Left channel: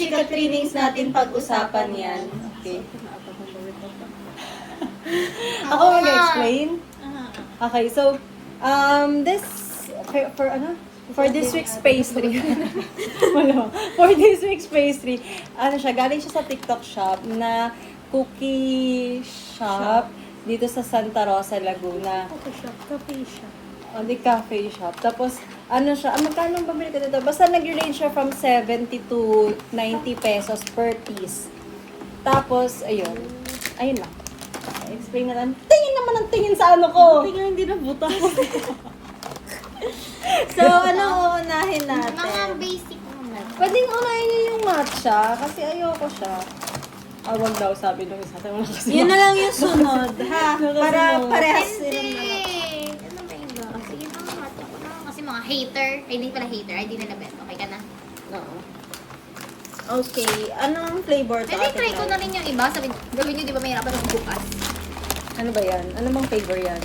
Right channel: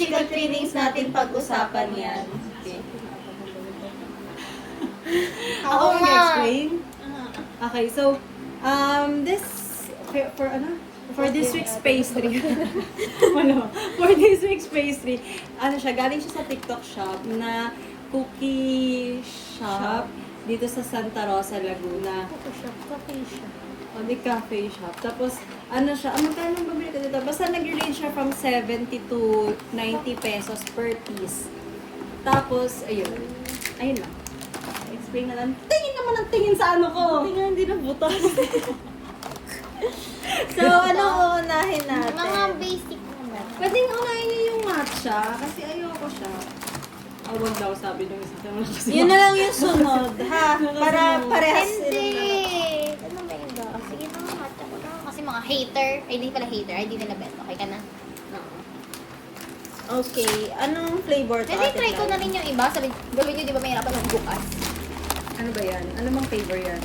chika trainings natin pag-usapan yan. Okay. Ako mag-explain? Okay, so, this, for this week's pastry, for this week's pastry, galing siya sa TikTok shop na cookie shop dito sa Santa Rosa, Laguna. Cafe shop. O, di cafe shop. Tapos, magkano ang pamili ko dito? Basta nag-range siya from 70 to 90 pesos per piece. Tapos, ayun lang. Explain na lang. Tingin naman ang tingin sa ano ko. Tingnan, hindi na butas. So, uunahin natin? Mga basic naman. Pwedeng unahin niyo yung matcha kasi ayoko siya. Wag daw sabi nung isa. Yun na lang yung sunod, ha? Para parehas Hindi. silang dalawa. Ano ba yung ba? Sige na nga, mata ko na. Kasi mga hater. Ay, hindi pala hater. Ay, hindi nila bet. Okay ka na? Oo. Okay, anong flavor to, Pwede Ate try ko Clara? na rin yung iba. Sabi, gawin nyo, di ba mahirapan yung bukas? Ano ba yan? Ano bang flavor yan?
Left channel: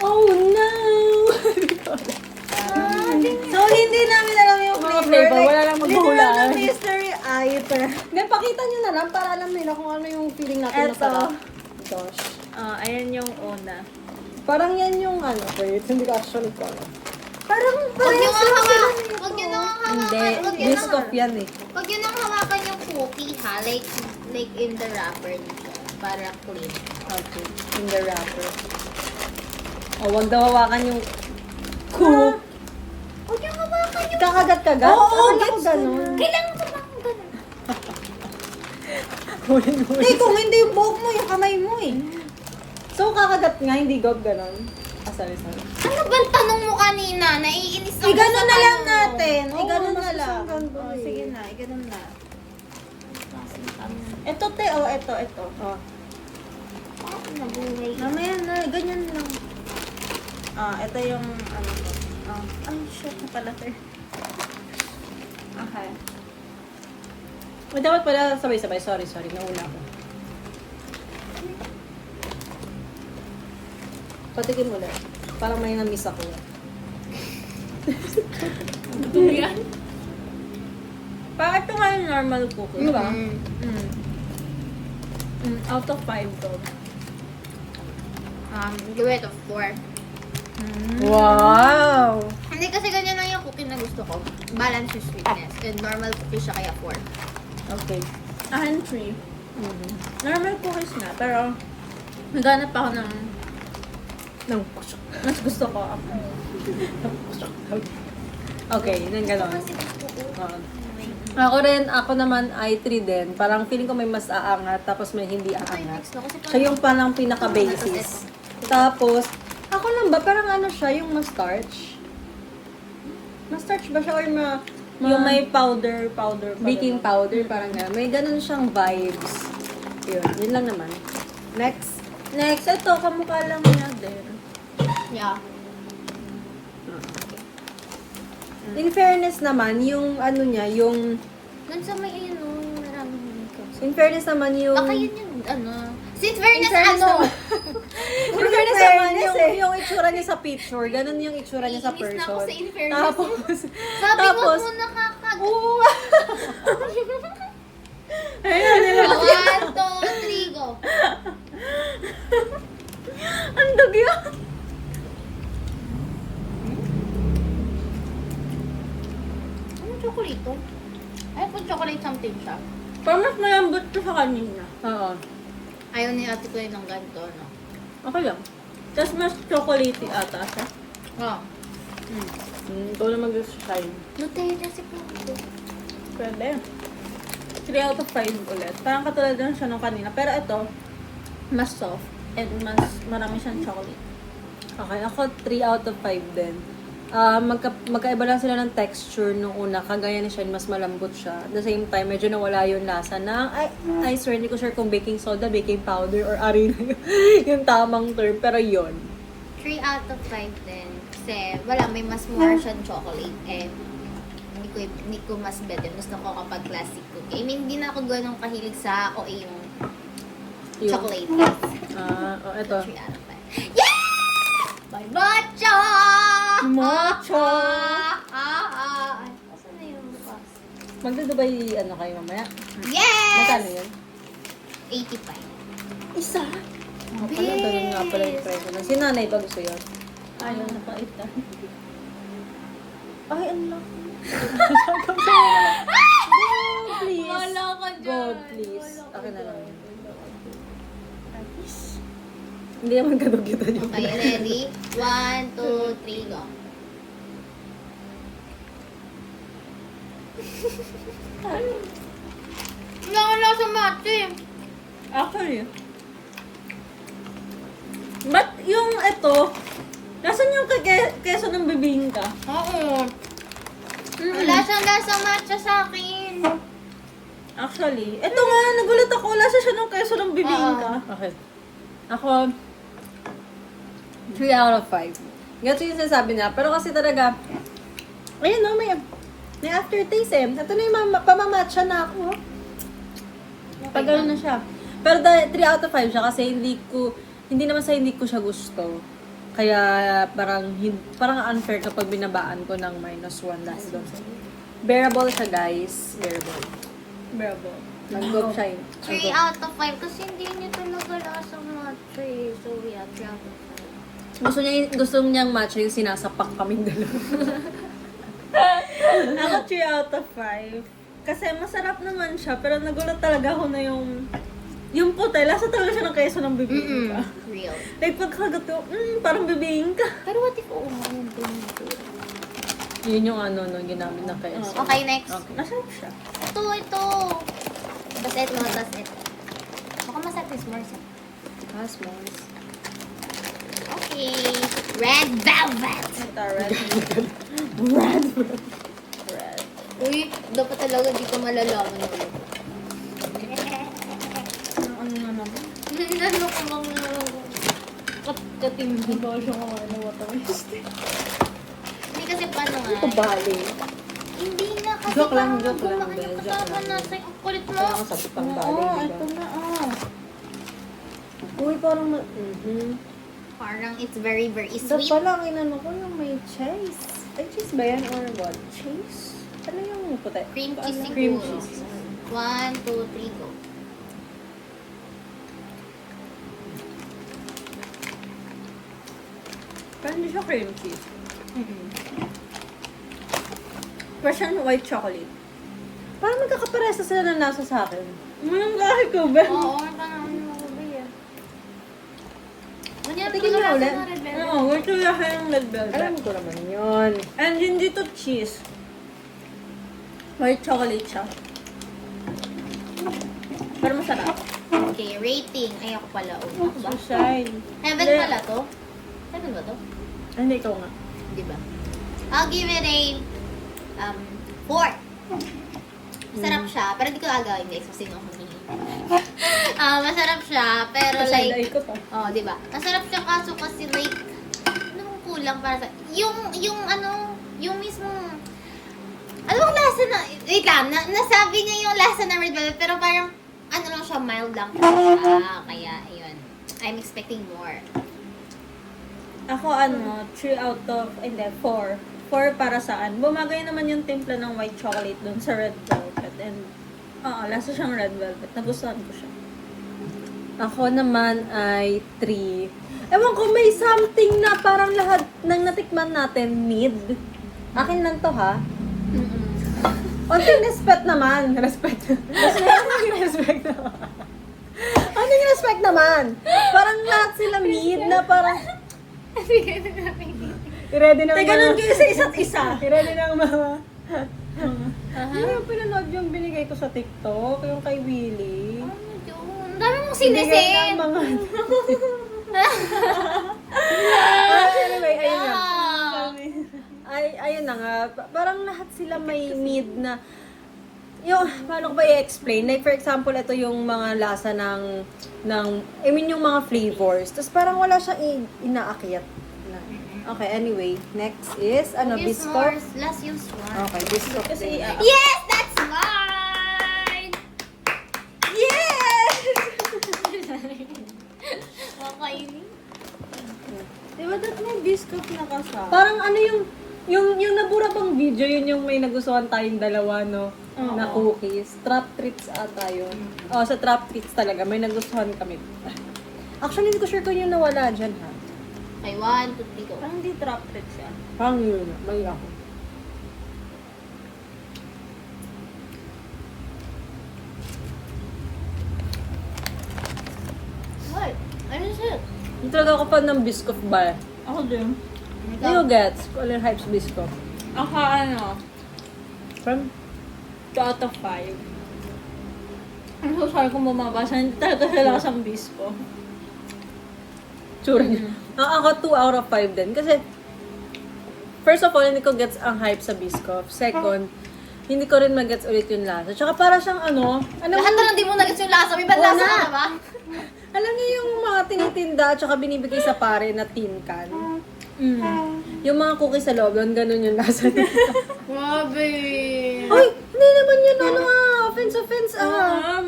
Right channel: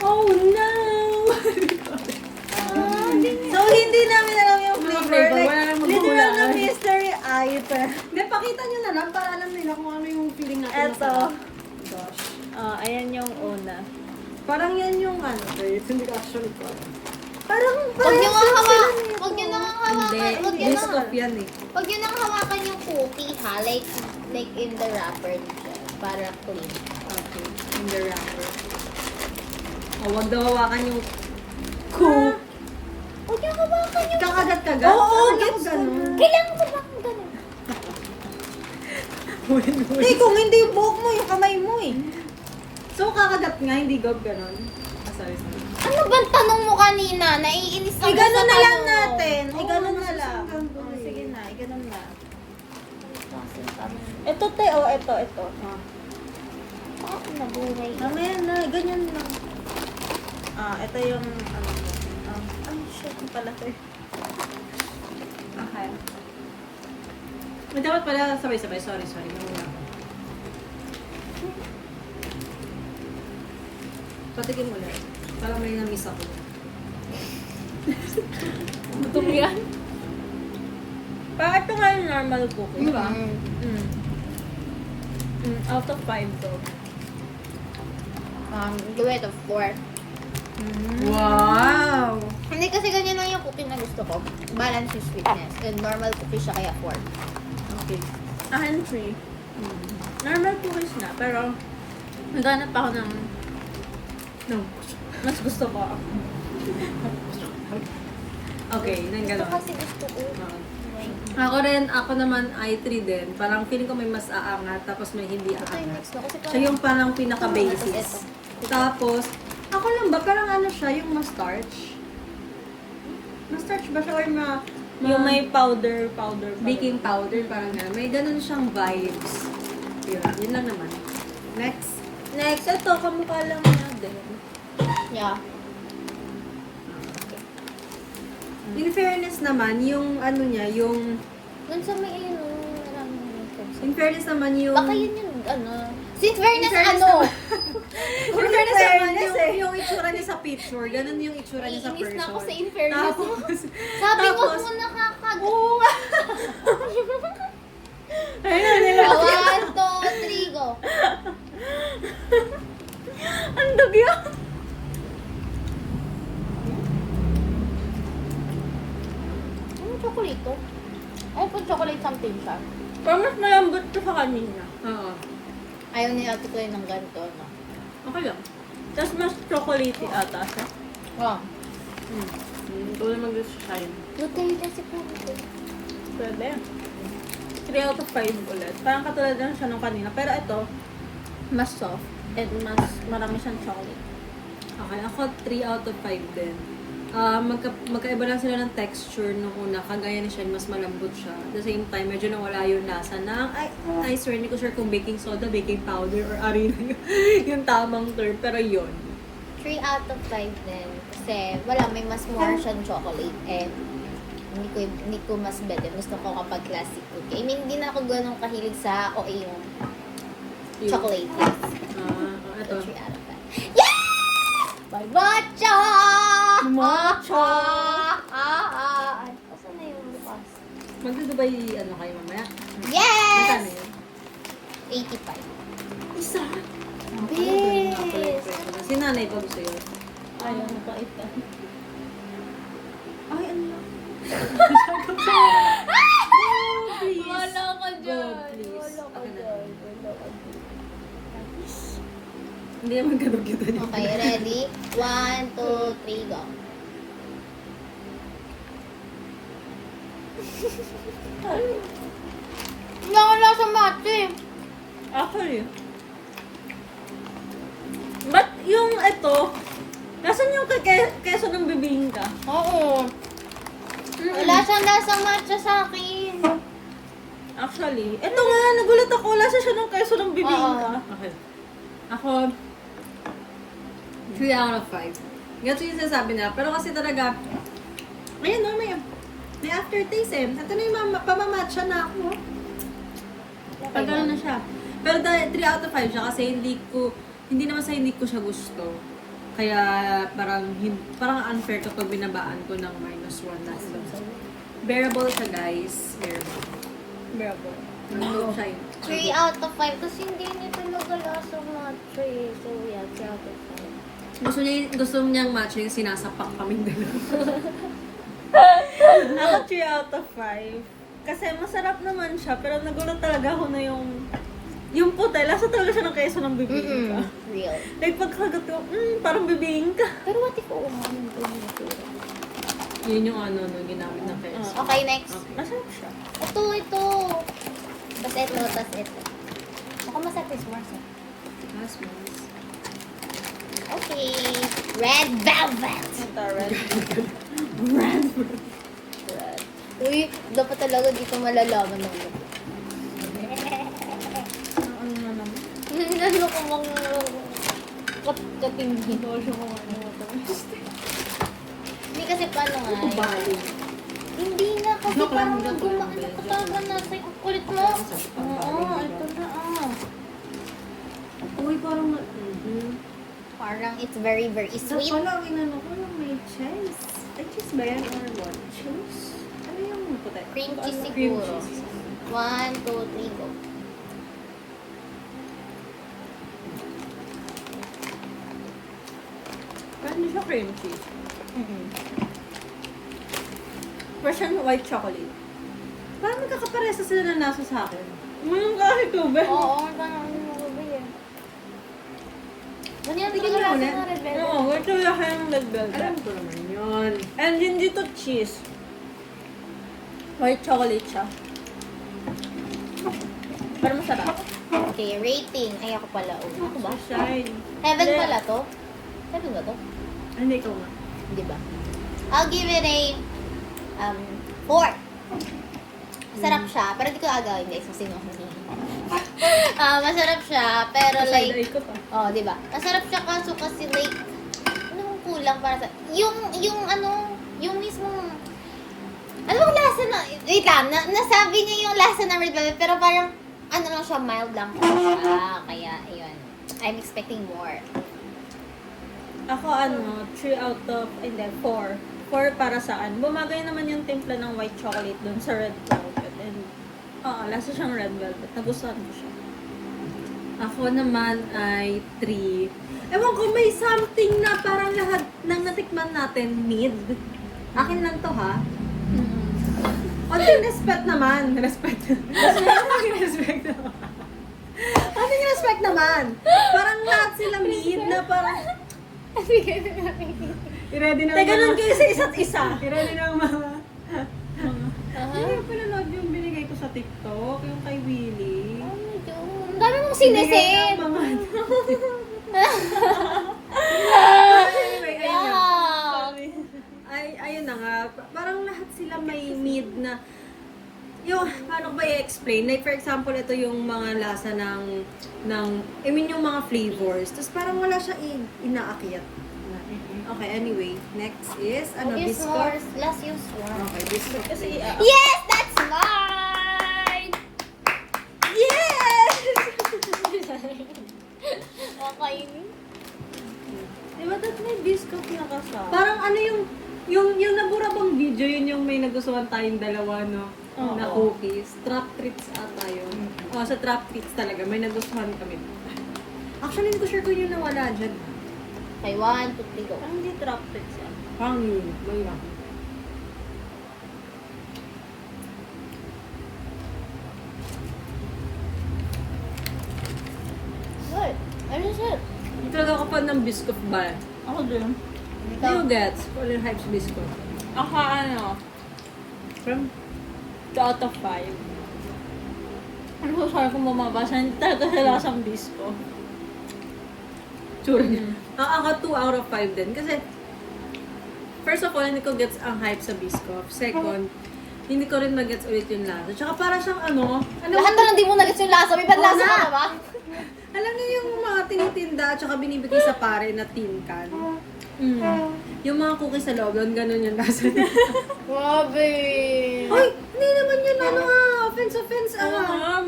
Oh no! So, hindi namin alam yung Mga flavor. flavor, Like, wala lang literal maghuhulaan. na mystery item. Hindi, pakita nyo na lang para alam nila kung ano yung feeling natin Eto. masarap. Gosh. Ayan yung una. Parang yan yung hindi ko actually ko alam. Parang Huwag nyo parehas nga lang sila hawakan. nito. Huwag nyo nga Hindi, hawakan. Huwag nyo nga- biscuit yan eh. Huwag nyo nang hawakan yung cookie, ha? Like in the wrapper nito. Para clean. Okay, in the wrapper. Huwag daw hawakan yung cook. Huwag nyo hawakan yung... Kakagat-kagat? Oo, Ano gets ganun? ganun. Kailangan ko bang ganun? Hindi, kung hindi yung buhok mo, yung kamay mo eh. So, kakagat nga, hindi ganun. Sorry. Ano bang tanong mo kanina? Naiinis ako Iganon sa na lang tanong mo. natin. Oo, Iganon mas na lang. masarap ganun Oh, eh. sige na, iganon na. Kasi kami. Ito, te, ito. Oh. Nabuhay. Mamaya na, ganyan lang. Ito yung ano ko. Ay, shit na pala, te. Okay. Dapat pala sabay-sabay. Sorry. Nauna ako. Patikim mo lang. Parang may na-miss ako. Gutom yan? Parang ito nga yung normal cookie. Ano ba? Out of 5 to. Give it a 4. Wow! Hindi kasi ganyan lang yung cookie na gusto ko. Balance yung sweetness. And normal cookie siya kaya 4. Okay. Akin 3. Normal cookies na, pero naghanap ako ng No. mas gusto ko. Okay, nang Ito gano'n. kasi gusto ko. Ako naman ay 3 din. Parang feeling ko may mas aangat, tapos may hindi aangat. Gusto ko kasi Siya yung palang Tapos pinaka-basis. ito. Tapos, ako lang ba? Parang ano siya, yung ma-starch? Ma-starch ba siya or Yung may powder pa baking ganun. powder, parang gano'n. May ganun siyang vibes. Yun lang naman. Next. Next, ito, kamukha lang niya din. Yeah. In fairness naman, yung ano niya, yung... Minsan may maraming makeup. In fairness naman yung... Baka yun yung Since fairness, In fairness ano? In fairness naman, fairness yung itsura niya sa picture, ganun yung itsura niya sa Iinis person. na ako sa in fairness. Tapos, Sabi mo tapos, mo nakakag... oo nga. Ayun, nilabas. 1, 2, 3, go. Ang dugyo. Ano chocolate to? Ay, pag chocolate something siya. Parang mas malambot to sa kanina. Oo. Ayaw ni ate ko yun ng ganito, no? Okay lang. Tapos mas chocolatey ata siya. Wow. Ikaw naman gusto siya yun. Lutein kasi po. Pwede. 3 out of 5 ulit. Parang katulad lang siya nung kanina. Pero ito, mas soft. And mas marami siyang chocolate. Okay, ako 3 out of 5 din. Magkaiba lang sila ng texture nung una. Kagaya ni Shen, mas malambot siya. At the same time, medyo nawala yung lasa na, I swear, hindi ko sure kung baking soda, baking powder, or arena yung tamang term. Pero yun. 3 out of 5 din. Kasi wala, may mas more siyang chocolate. And hindi ko mas bet. Gusto ko kapag classic cookie. I mean, hindi na ako ganun kahilig sa yung Yun. chocolate. Ito. 3 out of 5. Yeah! By matcha! Matcha! Asan na yung bukas? Magdudubay, ano kayo mamaya? Magkano Yes! yun? 85. Isa? Ganun nga pala yung presyo. Si nanay ba gusto yun? Ayaw na kaitan. Ay, ano lang. Please. Wala ka God, please. Akin na lang. Nice. Hindi naman kadugyutan yun. Okay, ready? 1, 2, 3, go. Wala sa mati. Actually. Ba't yung ito, nasan yung keso ng bibingka? Oo. Wala siyang nasa matcha sa akin. Actually, ito nga, nagulat ako, wala siya ng keso ng bibingka. Okay. Ako, 3 out of 5. Ganito yung sinasabi niya. Pero kasi talaga, ayun no, may aftertaste eh. Ito na yung pamamatcha na ako. Pag ano na siya. Pero 3 out of 5 siya kasi hindi naman sa hindi ko siya gusto. Kaya parang unfair kapag binabaan ko ng -1 last doon. Bearable siya guys. Bearable. Bravo. Nag-go siya eh. 3 out of 5 kasi hindi niya talaga lasang matcha eh. So yeah, 3 out of 5. Gusto niyang matcha yung sinasapak kaming dalawa. Ako 3 out of 5. Kasi masarap naman siya, pero nagulat talaga ako na yung puti, lasa talaga siya ng keso ng bibingka. Real. Like pagkagat ko, parang bibingka. Pero what if uumahan din ito? Yun yung ginamit na kayo. Okay, next. Masarap siya. Ito. Tapos ito. Baka masarap yung s'mores. S'mores. Okay. Red velvet. Ito, red. Red. Uy, dapat talaga di ko malalaman na yun. Ano na naman? Nalo ko mga katingin. Ito siya kumain ng watermelon. Hindi kasi paano nga. Bali. Hindi na kasi Joke lang, parang joke lang, gumain Bel, ang joke katawan lang. natin. Ang kulit mo. Kailangan sa pang Oo, ito na Uy, parang Parang it's very, very Ito sweet. pala ang inano ko yung may cheese. Cheese ba yan or what? Cheese? Ano yung puti? Cream Ano, cheese cream siguro. cheese. 1, 2, 3, go. Pero hindi siya cream cheese. Russian white chocolate. Parang magkakaparesa sila ng nasa sa akin. Kahit ko ba? Oo, parang ano mo ba yan? Ano yan? Tingin mo ulit. Oo, white chocolate yung red Alam velvet. ko naman yun. And hindi to cheese. White chocolate siya. Pero masarap. Okay, rating. Ay, ako pala. Ako ba? Shine. 7 Hindi. pala to? 7 ba to? Ano ito nga? Di ba? I'll give it a 4. Masarap siya, pero hindi ko agawin guys kasi sino ako masarap siya, pero Side eye like, ko pa. di ba? Masarap siya kaso kasi like, ano bang kulang para sa, yung mismo, ano bang lasa na, wait lang, nasabi niya yung lasa na red velvet, pero parang, ano lang siya, mild lang siya, kaya, yun, I'm expecting more. Ako 3 out of, hindi, 4. 4 para saan. Bumagay naman yung timpla ng white chocolate dun sa red velvet. And, lasa siyang red velvet. Nagustuhan ko siya. Ako naman ay 3. Ewan ko, may something na parang lahat ng natikman natin mid. Akin lang to ha. Onting respect naman. Respect. Respect naman. Onting respect naman. Parang lahat sila mid na parang... I-ready na Teka, ganun kayo sa isa't isa. I-ready na ang mga... Ano pinanood yung binigay ko sa TikTok? Yung kay Willie. Ano yun? Ang dami mong Binigay sinisin! ng mga... Anyway, ayun na. Ayun na nga. Parang lahat sila may mid na... Yung, paano ko ba i-explain? Like, for example, ito yung mga lasa ng yung mga flavors. Tapos parang wala siyang inaakyat. Okay, anyway. Next is, biscuit? Last yung s'mores. Okay, biscuit. Kasi, Yes! That's mine! yes! Kakainin. Diba that may biscuit na kasama? Parang ano yung nabura bang video yun yung may nagustuhan tayong dalawa, no? Oo. Na cookies. Trap treats ata yun. Oh, sa trap treats talaga. May nagustuhan kami. Actually, hindi ko sure kung yung nawala dyan, ha? Okay, 1, 2, 3, go. Parang hindi trap tricks yan. Parang yun. Mali ako. What? Ano siya? Hindi talaga ako fan ng Biscoff ba? Ako din. Ano yung gets? Colin Hypes Biscoff. Ako ano, From? 2 out of 5. Ano so sorry kung bumabasa, hindi talaga siya lasang bisco. Tsura niya. Ako 2 out of 5 din. Kasi, first of all, hindi ko gets ang hype sa Biscoff. Second, hindi ko rin magets ulit yung lasa. Tsaka para siyang ano, Lahat na hindi mo nagets yung lasa. May bad Oo lasa nga. ka na ba? alam niyo yung mga tinitinda at tsaka binibigay sa pare na tin can. Mm. Yung mga cookies sa loob, doon ganun yung lasa nila. Grabe. Ay, hindi naman yun ano offense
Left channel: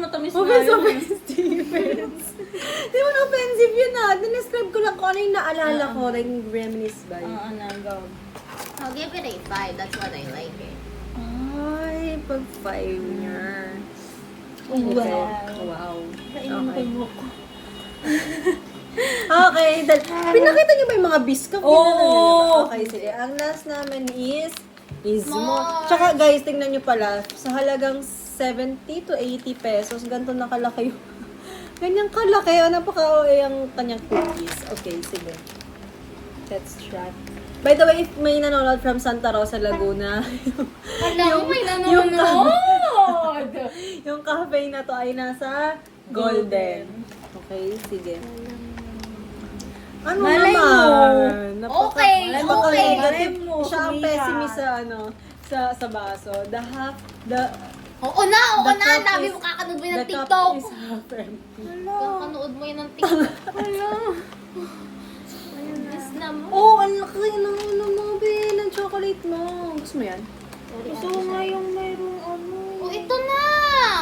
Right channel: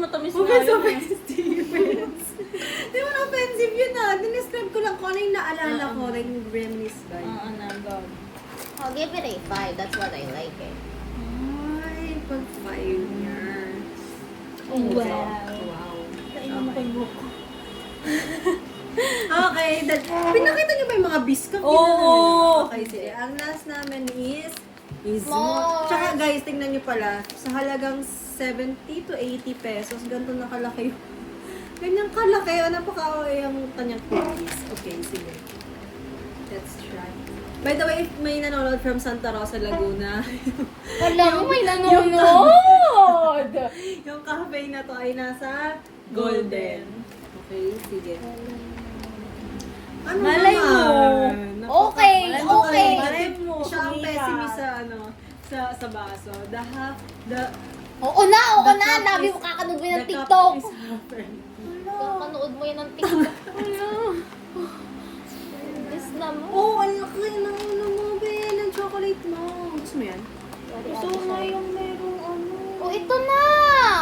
Matamis na Offense, yun. offense. Hindi man offensive yun Dinescribe ko lang kung ano yung naalala ko, like reminisce ba? Oo na, go. I'll give it a 5. That's what I like it. Ay, pag 5 na. Wow. Wow. Kainin mo ko yung buhok ko. Okay, pinakita niyo ba yung mga biscuit? Oo. Okay, sige. Ang last namin is S'mores. Tsaka guys, tingnan niyo pala, sa halagang 70 to 80 pesos, ganito nakalaki yung ganyang kalaki. Napaka-OA ang kanyang cookies. Okay, sige. Let's try. By the way, if may nanonood from Santa Rosa, Laguna, Alam mo, may yung nanonood. yung cafe na to ay nasa Golden. Okay, sige. Ano Malay mo. naman? Okay, okay. Malay mo, Siya ang sumikat. pessimist sa sa baso. Oo na. The cup Nabi is- mo kakanood mo yun ng the cup TikTok. is half empty. Kakanood mo yun ng TikTok. Miss na mo. Oh, ang laki ng ano mo, be, ng chocolate mo. Gusto mo yan? Gusto ko nga yung mayroong ano. Oh, ito na.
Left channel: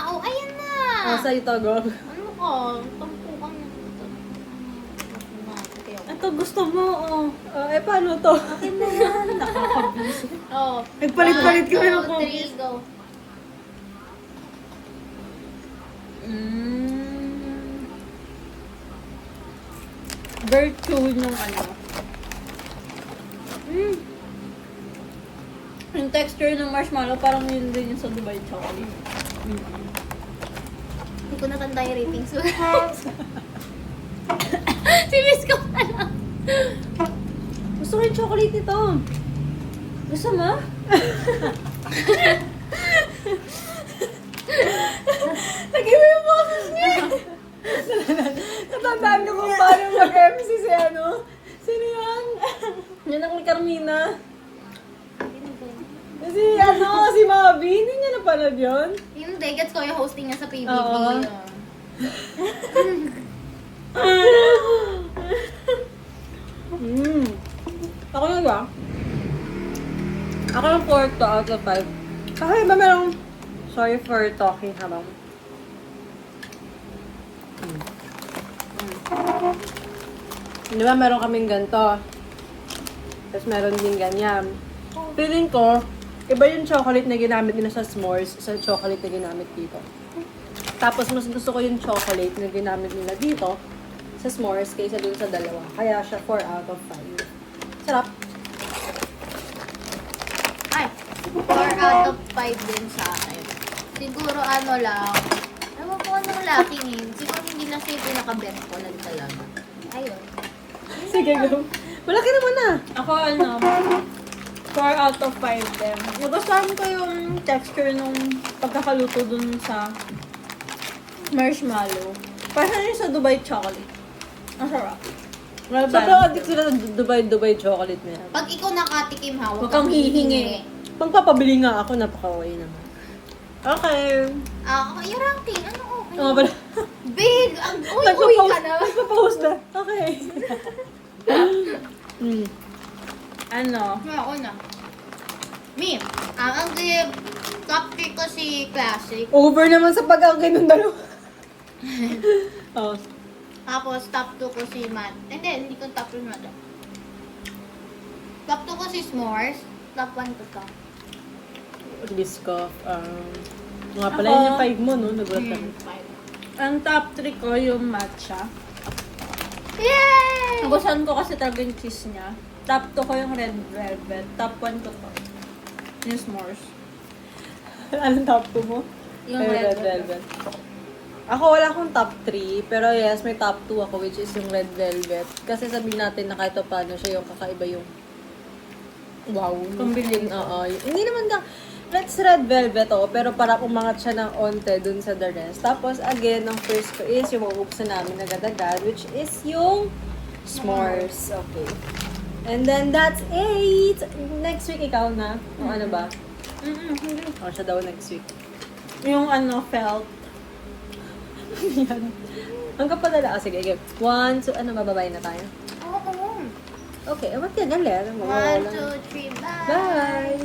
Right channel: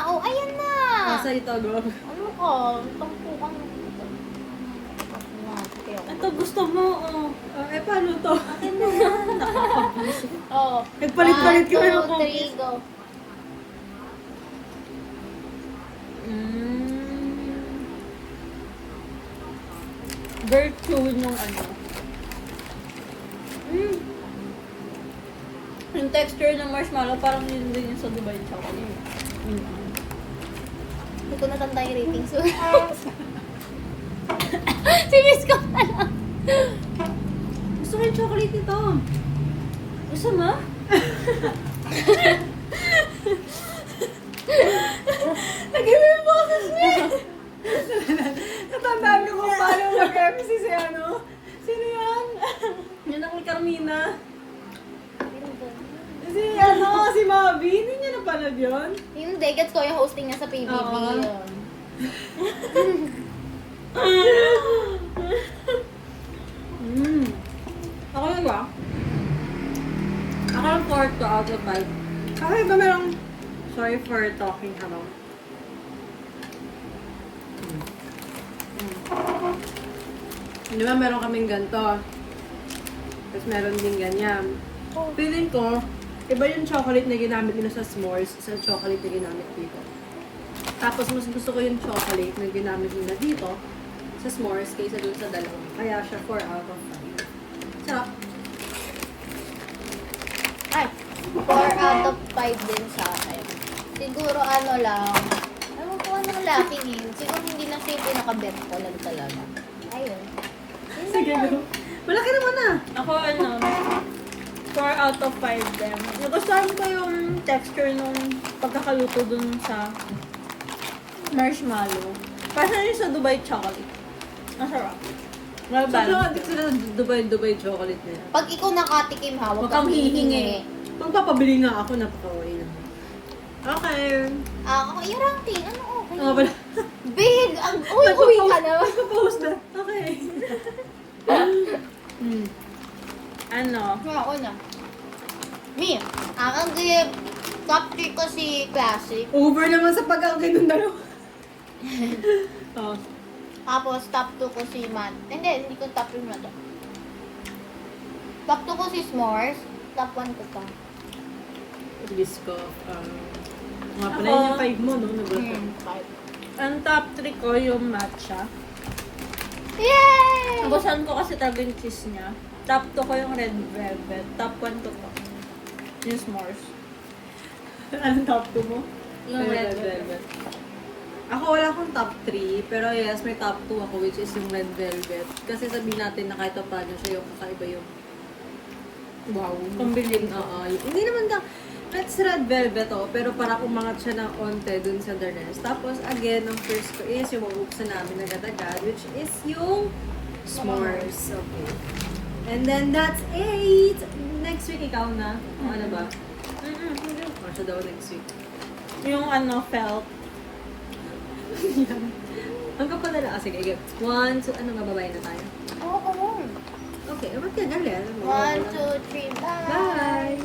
Oh, ayan na. Sa ito, girl. Ano ka? Tampo ka mo. Ito gusto mo, oh. Paano to? Akin na yan. Nakakabusit. Oh. Nagpalit-palit kami ng 1, 2, cookies. 3, go. Very chewy nung ano. Yung texture ng marshmallow, parang yun din yung sa Dubai chocolate. Hindi ko natanda yung ratings. Si Miss ko na lang. Gusto ko yung chocolate nito. Gusto mo? Nag-iba yung boses niya. Natandaan ko kung paano mag-MC si ano. Sino yan? Yan ang Carmina. Si si Mavi. Hindi niya napanood yun? Yung Degets ko yung hosting niya sa PBB. Oo. Ako yun ba? Ako yung 4 to out of 5. Kasi iba merong... Sorry for talking habang... Di ba meron kaming ganito? Tapos meron din ganyan. Feeling ko, iba yung chocolate na ginamit nila sa s'mores sa chocolate na ginamit dito. Tapos mas gusto ko yung chocolate na ginamit nila dito sa s'mores kaysa dun sa dalawa. Kaya siya 4 out of 5. Sarap. Ay, 4 out of 5 din sa akin. Siguro ano lang, ewan ko anong lucky yun. Siguro hindi lang siya yung pinaka-bet ko lang talaga. Ayun. Sige, go. Malaki naman ah. Ako ano, 4 out of 5 din. Nagustuhan ko yung texture nung pagkakaluto dun sa marshmallow. Parang yun sa Dubai chocolate. Masarap. Well Sobrang balanced. addict sila sa Dubai chocolate nila. Pag ikaw nakatikim ha, Huwag kang hihingi. Pagpapabili nga ako, napaka-way naman. Okay. Yung ranking, ano ko? Ano pala? Big! Uy ka na. Nagpa-post na. Okay. Ano? Ako na. Me, ang give top 3 ko si Classic. Over naman sa pag-agay ng dalawa. Oh. Tapos top 2 ko si Matt. Hindi ko top 2 si Matt. Top 2 ko si S'mores. Top 1 ko to. Biscoff. Nga pala Ako, yun yung 5 mo, no? Nagulat ako. Ang top 3 ko yung matcha. Yay! Nagustuhan ko kasi talaga yung cheese niya. Top 2 ko yung red velvet. Top 1 ko to. Yung s'mores. Anong top 2 mo? Yung Ay, red velvet. Ako wala akong top 3, pero yes, may top 2 ako, which is yung red velvet. Kasi sabihin natin na kahit pa paano siya yung kakaiba yung wow. Combination. Oo. Hindi naman lang, let's red velvet pero para umangat siya ng onte dun sa the rest. Tapos, again, ang first ko is yung mabubuksan namin agad-agad, which is yung s'mores. Okay. And then, that's it! Next week, ikaw na. O ano ba? Hindi. O, siya daw next week. Yung felt. Ang kapadala. Sige, sige. 1, 2, ano, mababay na tayo? Oo. Okay, ba't ka galit? 1, 2, 3, bye! Bye!